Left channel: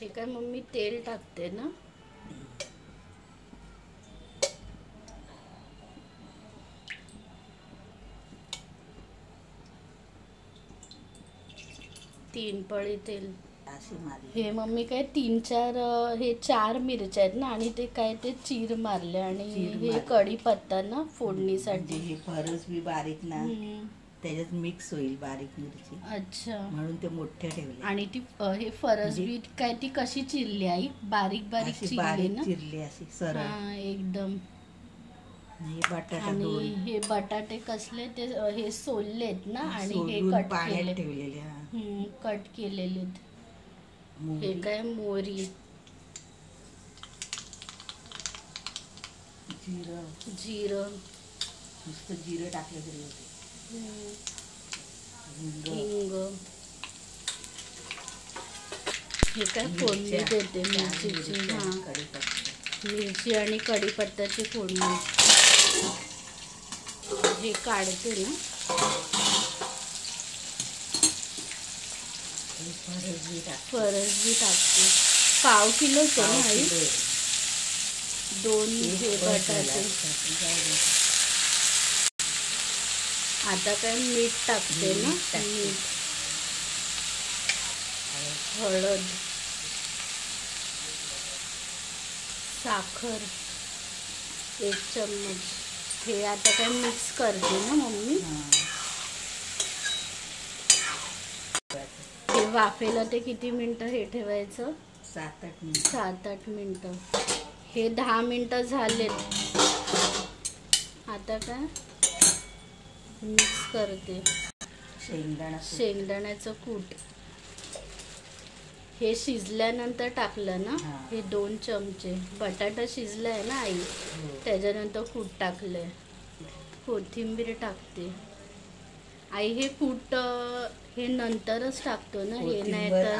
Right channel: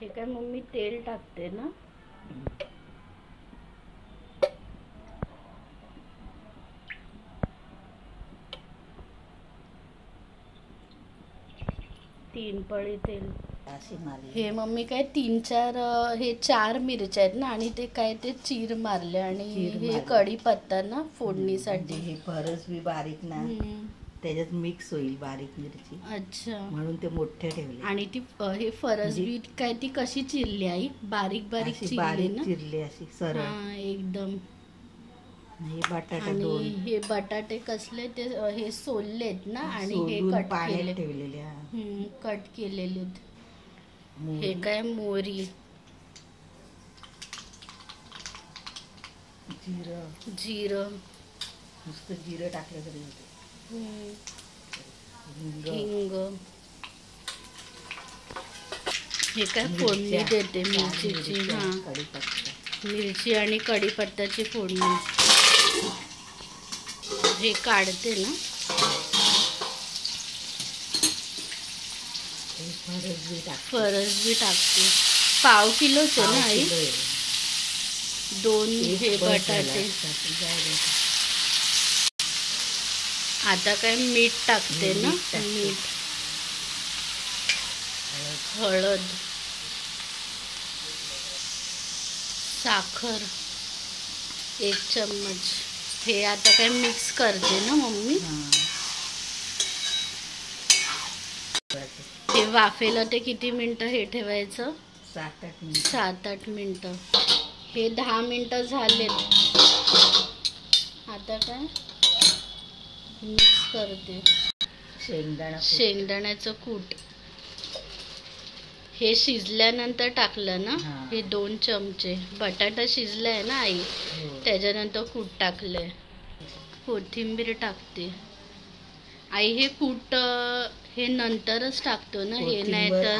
हे काय मम्मी तेल टाकते ना? तीन पळी तेल. हे मम्मी काय 3-4 हे 4 मिरच्या आहेत ना, आणि ते काय ते चीर मारले, आणि हे कढीपत्ता ना फोडणीसाठी. हे फरसबी बारीक ना त्याच्यात मिक्स होईल बारीक मिरची. अच्छा, म्हणून ते मोठे ठेवले. आणि ती हे फरसबी काय ती कशी चिरली आई? बारीक बारीक चिरली ना? चिरली अशी सरळ. हा एकदम. हे बटाटा आणि हे बटाटे कसले ते हे सोललेत ना, आणि हे कट केले ठेवलेले. कट केलेले. हे काय मोहरी, जिरं, नुसतं जिरं टाकलं तरी होते. हिंग. हे काय फोडणी देते मिरचीची. हा, मिरची आणि कढीपत्त्याची फोडणी. हे काढते ना. फरसबी टाकते. पाव किलोच आहे ना आई? 2 हे बटाटे. आता काय मीठ टाकते ना. मीठ, हळद, साखर 1 चम्मच. हे आता काय मिक्स करते ना मम्मी. हे वाफेला ते किती मिनिटं हे ठेवायचं? 7-8 मिनिटं. हे 10 मिनिटं झालेत. आता काय मिक्स करते. शेंगदाण्याचं कूट. हे शिजल्यानंतर टाकलं ना. हे 2 चमचे. बटाटा शिजलाय ना आई, त्याच्यानंतर कूट टाकलंय. कोथिंबीर टाकते. आई हे कूट हे नंतरच टाकतो ना? हे नाही तर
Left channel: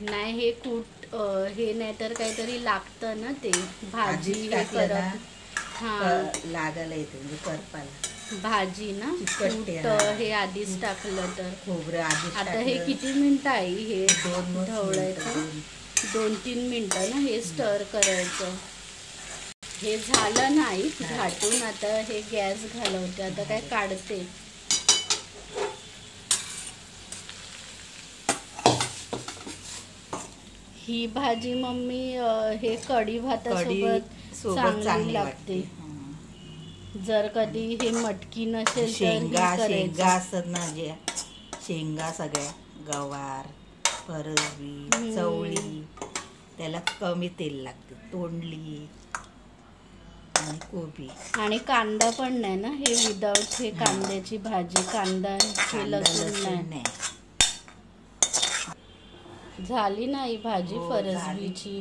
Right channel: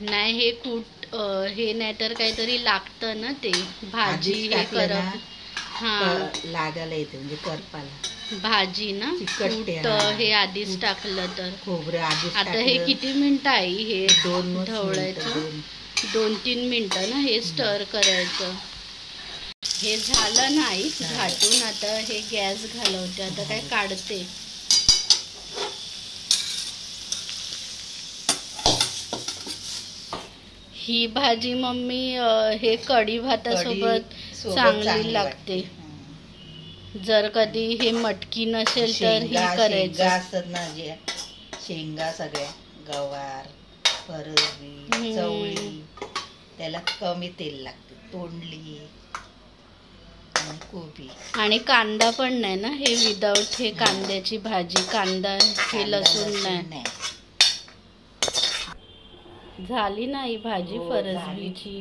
नाही, हे कूट हे नाही तर काहीतरी लागतं ना ते भाजी हे करप. हा, लागायला येते म्हणजे करपाला भाजी ना. कूट हे आधीच टाकलं तर. खोबरं आधीच. आता हे किती मिनिटं आई हे ढवळायचं? 2-3 मिनिटं ना हे स्टर करायचं. हे झालं नाही झाटून. आता हे गॅस घालवते. आता काय काढते. ही भाजी मम्मी हे कढी भातासोबत चांगली लागते. जर कधी हे मटकी नसेल तर ही करायचं. असतात ना जे शेंगा, सगळ्या गवार, फरसबी, चवळी, त्याला कमी तेल लागते. तोंडली आणि कोबी. आणि कांदा पण नाही ना हे विदाऊट हे कांद्याची भाजी. कांदा हे लसूण नाही. झाली नाही भाजी फरसबीची.